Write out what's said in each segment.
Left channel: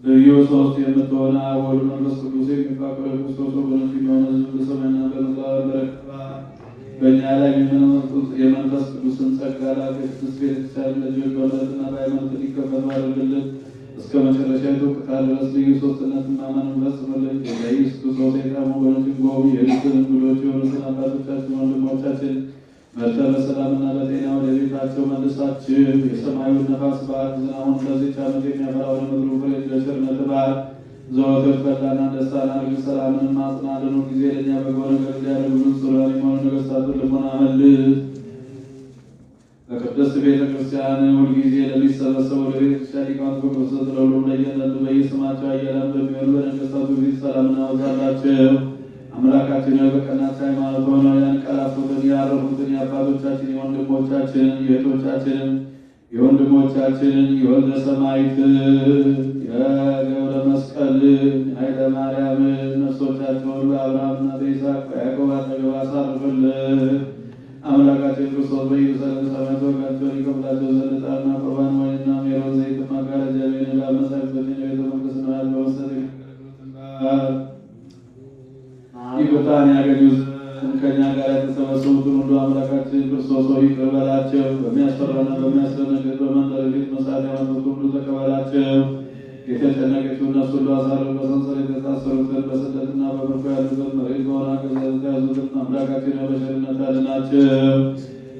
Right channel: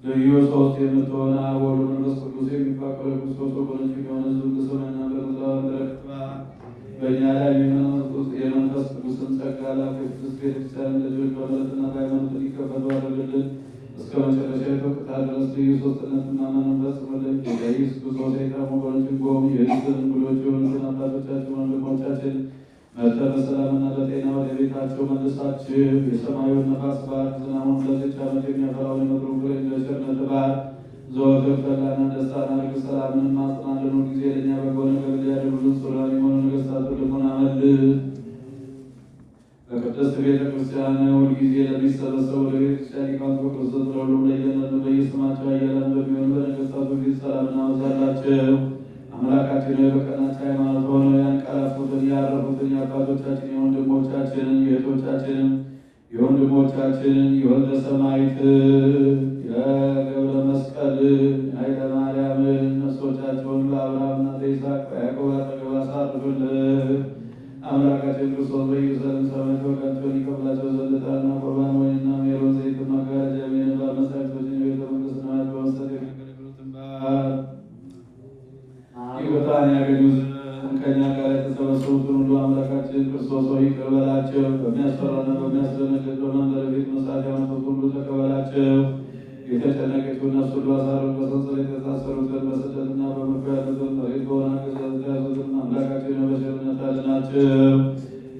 ልዩ ሶስት የምትሆን አብ ወልድ መንፈስ ቅዱስ የሚፋቀሩ ክርስቶስ ወገኖች የሚሆኑ ሕዝብ በሰማይና በምድር በእኛ ላይ የመንፈስ ቅዱስን ጸጋ ላክ። የቅድስት ቤተክርስቲያን ልጆች በእምነትና በሃይማኖት እንዲከፈቱ አድርግልን። እስከ መጨረሻ የቶቅታ ድረስ ልዩ ሶስትነት ማመንን ፈጽምልን። የኢየሱስ ክርስቶስ የቀረሙ ወገኖችን ጎብኝ። የልስን እንግዶች የሆኑትን አባቶቻችን ወንድሞቻችን መርተ በሰላምና በጤና ወደ ቤታቸው መልሳችሁ። የሰማዩን ነፋስ ባህር ዝናቡን ለዚች ዓመት የሚያፈራውን ምድሩን ፍሬ በቸርነት ባህር ዘወትር ፈላና ደስታና ርግብ ሰላምን ማጽናልን ሁልጊዜ ለእኛ በጎ ነገር ሊያደርጉልን ስለሆነ የሆኑ ነገሥታቱን ልቦና መልስ። በቅድስት ቤተ ክርስቲያን ሁልጊዜ ለሚሰበሰቡ ወደ ቤተ ክርስቲያን ሊቃውንት በክርስቶስ ለሁሉም ለየነቱ በየስማቸው አያላን በሚሆኑ በነገሥታቱ ፊት ሰላምን አበዛላቸው። አምላካችን በቀናች ሃይማኖት ሆነው ያንቀላፉትን ያረፉትን የአባቶቻችን የወንድሞቻችንን የእህቶቻችንን የወንድሞቻችንን የወልደ ሰማዕት የገብረ መስቀል ኃይለ ማርያምን ነፍሶቻቸውን በአብርሃምና በይስሐቅ በያዕቆብ አጠገብ አሳርፍልን። አምላካችን ክርስቶስ በኢየሩሳሌም ሰማያት ወጋቸውን ይከፍላቸው ዘንድ ዕጣንና ቁርባን ወይንና ሜሮን ዘይት መጋረጃ ሚነዳ መሳይቶችን የቤተ መንግሥት ነዋያት በመስጠት የሚያገለግሉትን በዓል ይቅርታን ያገኙ ዘንድ ከእኛ ጋር የተሰበሰቡትን ሁሉ አምላካችን ክርስቶስ ሆይ ይቅር በላቸው። በሚያስፈራና በሚያስደነግጥ በመንደር ፊት መሳት ያመጡት ሁሉ ተቀበላቸው። የተጨነቀችው ነፍስ ሁሉ አሳርፍ። በሰንሰለት የታሰሩትን በስደትና በምርኮ ያሉትን መሬት በሆነ አገዛዝ የተያዙትን አምላካችን በቸርነት አድናቸው።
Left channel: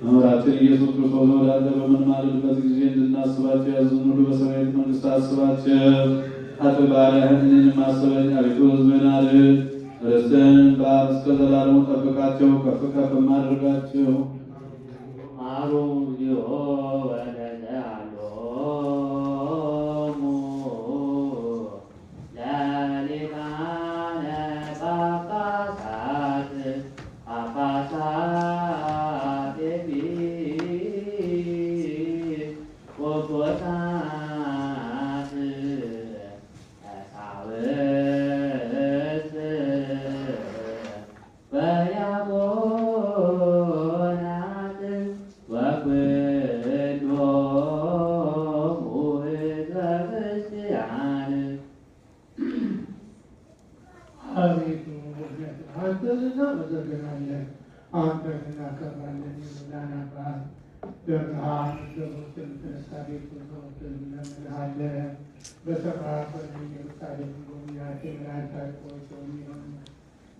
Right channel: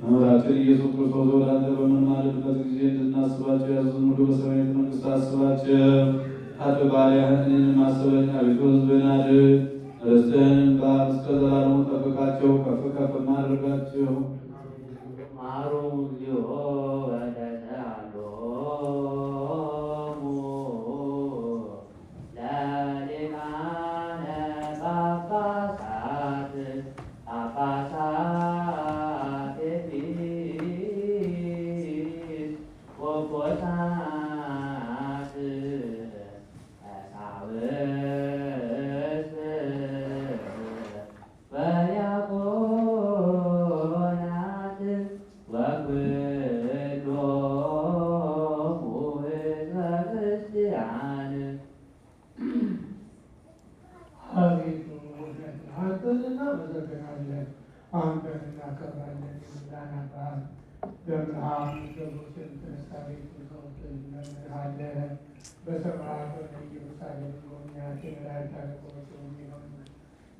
መምህራችን ኢየሱስ ክርስቶስ ወደ አንተ በምንማልድበት ጊዜ እንድናስባቸው ያዙን ሁሉ በሰማያዊት መንግሥት አስባቸው። አጥ ባሪያህን እኔንም አስበኝ። አቤቱ ሕዝብህን አድን። ርስትህን በአብ እስከ ዘላለሙ ጠብቃቸው፣ ከፍ ከፍ አድርጋቸው።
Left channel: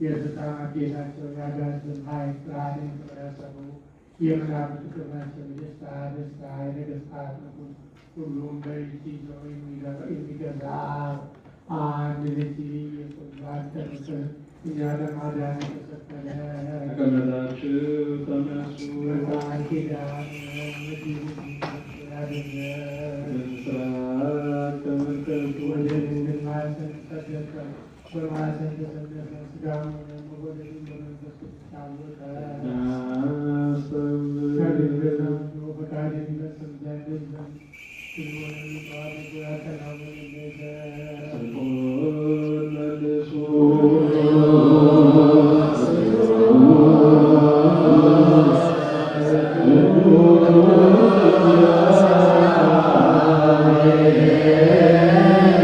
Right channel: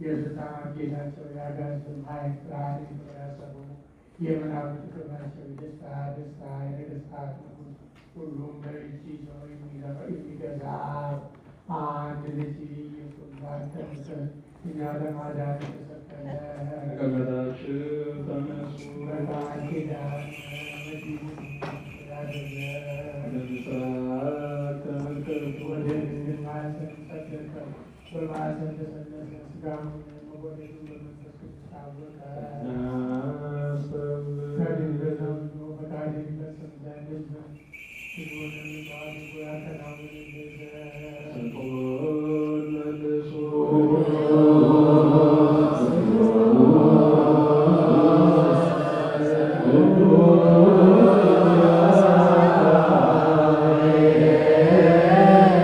የፍትሐ ጌታቸው ያጋዝን ኃይል ብርሃን የሚሰሩ የመላእክት ክብራቸው የደስታ ደስታ የነገሥታት ንጉሥ ሁሉም በእጅ ይዘው የሚገዛ አንድ ልጅ ኢየሱስ ባደረሰን እኛ ለማዳን